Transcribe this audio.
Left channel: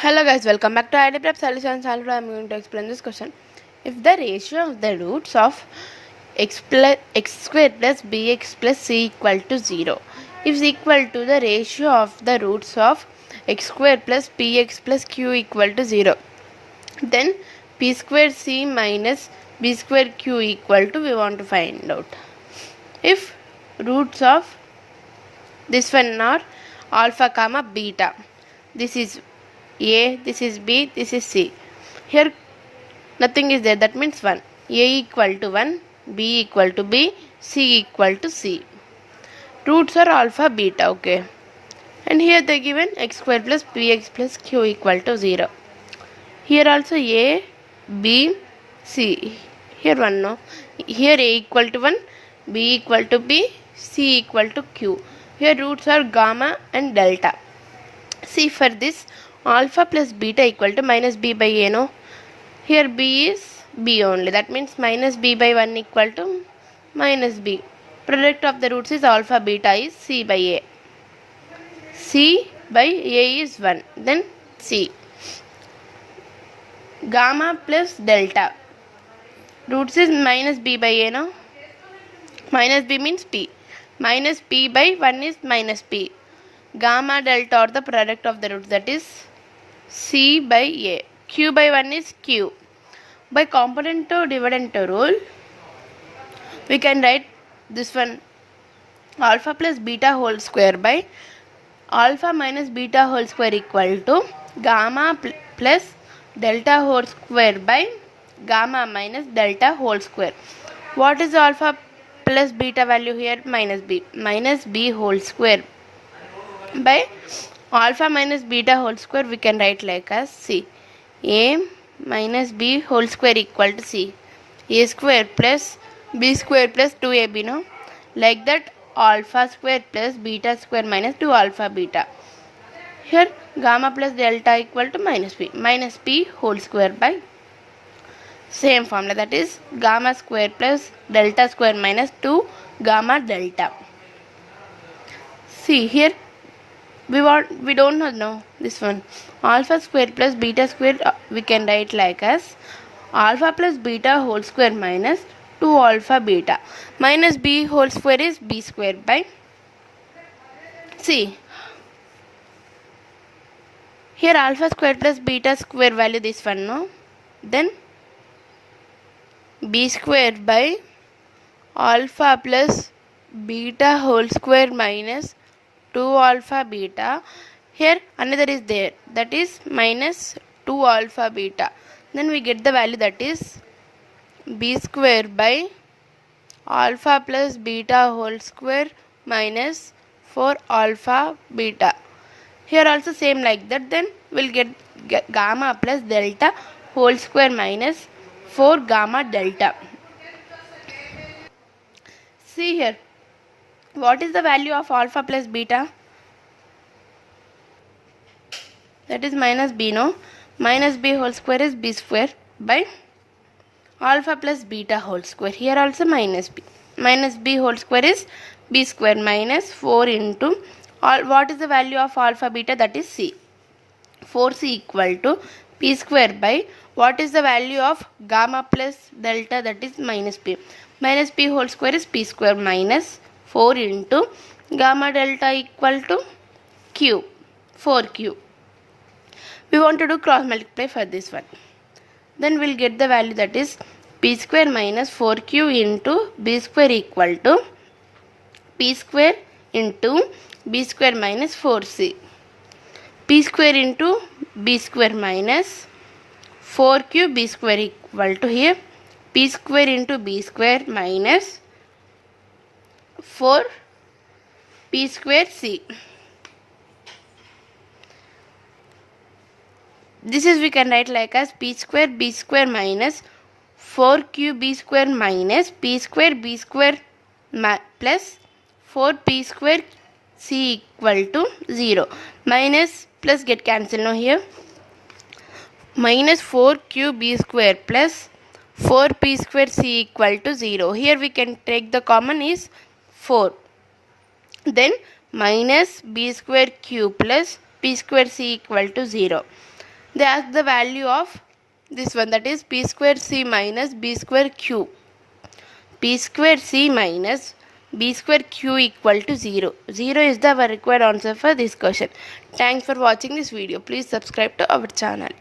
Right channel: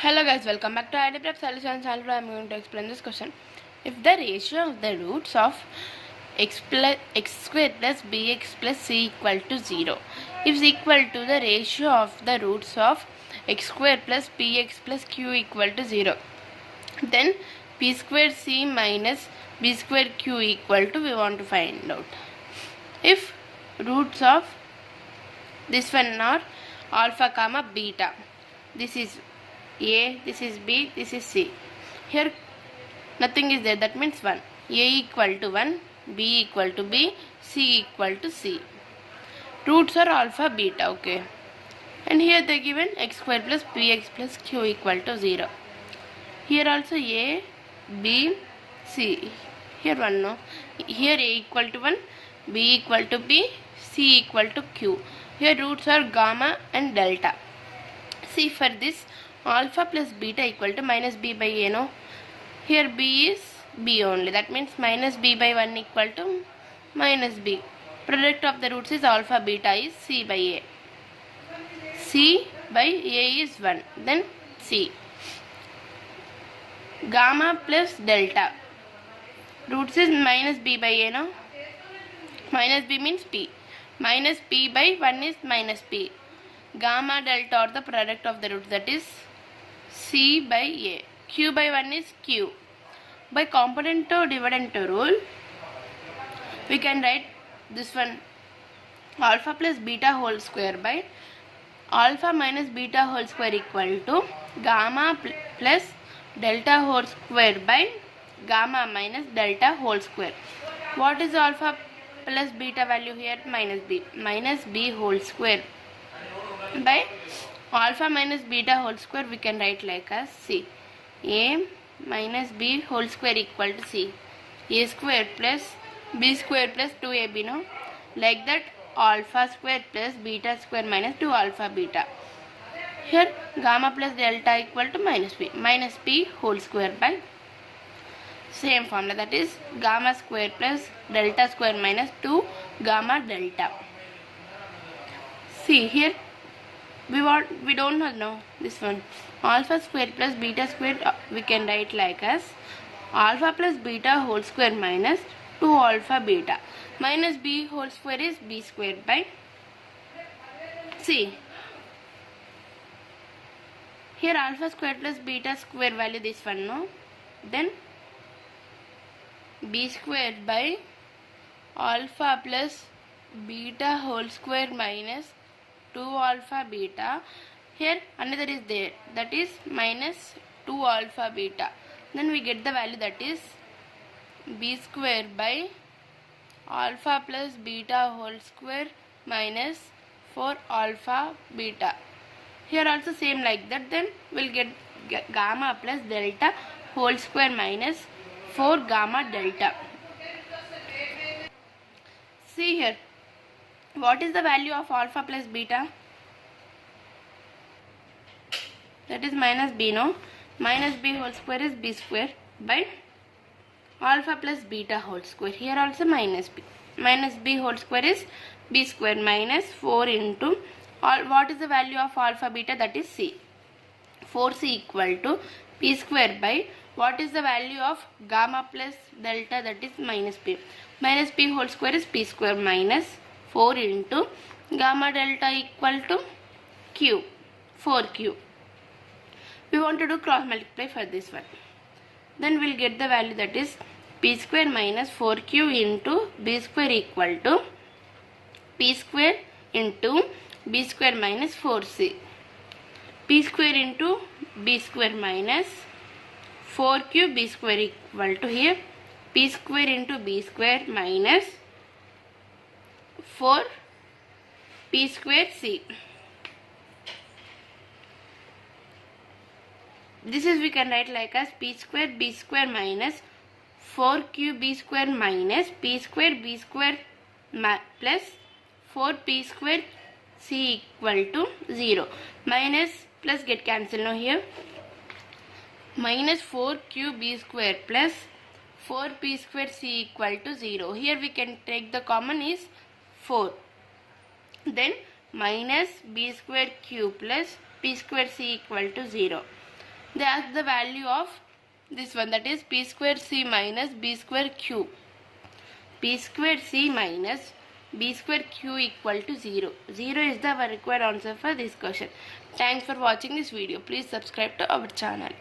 Hello guys, welcome back to ID Prep Solutions. I'm going to explain this question. If the ratio of the roots of x square plus bx plus c equal to 0 is equal to the ratio of the roots of x square plus px plus q equal to 0, then p square c minus b square q equal to, we want to find out. If roots of this one are alpha comma beta, this is a, this is b, this is c. Here nothing is there, that means 1. A equal to 1, b equal to b, c equal to c. Roots are alpha beta, okay. And here they given x square plus px plus q equal to 0. Here also a, b, c. Here 1 no. Here a equal to 1, b equal to b, c equal to q. Here roots are gamma and delta. See, for this alpha plus beta equal to minus b by a, no? Here b is b only, that means minus b by 1 equal to minus b. Product of the roots is alpha beta is c by a. C by a is 1, then c. Gamma plus delta. Roots is minus b by a, no? Minus b means p. Minus p by 1 is minus p. Gamma delta or the product of the roots, that is c by a. Q by 1 is q. By component to dividend rule, we can write this one alpha plus beta whole square by alpha minus beta whole square equal to gamma plus delta whole square by gamma minus delta whole square. What is alpha plus beta value here? Minus b. Minus b whole square by alpha minus beta whole square, we can write like as c. A minus b whole square equal to c. A square plus b square plus 2ab, no? Like that alpha square plus beta square minus 2 alpha beta. Here gamma plus delta equal to minus b. Minus b whole square by same formula, that is gamma square plus delta square minus 2 gamma delta. See here we don't know this one. Alpha square plus beta square, we can write like as alpha plus beta whole square minus 2 alpha beta. Minus b whole square is b square by c. Here alpha square plus beta square value this one, no? Then b square by alpha plus beta whole square minus 2 alpha beta. Here another is there, that is minus 2 alpha beta. Then we get the value, that is b square by alpha plus beta whole square minus 4 alpha beta. Here also same like that, then we'll get gamma plus delta whole square minus 4 gamma delta. See here, what is the value of alpha plus beta? That is minus b, no? Minus b whole square is b square by alpha plus beta whole square. Here also minus b. Minus b whole square is b square minus 4 into what is the value of alpha beta? That is c. 4c equal to p square by what is the value of gamma plus delta? That is minus p. Minus p whole square is p square minus 4 into gamma delta equal to q. 4q. We want to do cross multiply for this one. Then we'll get the value, that is p square minus 4q into b square equal to p square into b square minus 4c. P square into b square minus 4q b square equal to here p square into b square minus 4 p square c. This is we can write like as p square b square minus 4q b square minus p square b square plus 4p square c equal to 0. Minus plus get cancelled now here. Minus 4q b square plus 4p square c equal to 0. Here we can take the common is 4. Then minus b square q plus p square c equal to 0. They ask the value of this one, that is p square c minus b square q. p square c minus b square q equal to 0. 0 is the required answer for this question. Thanks for watching this video. Please subscribe to our channel.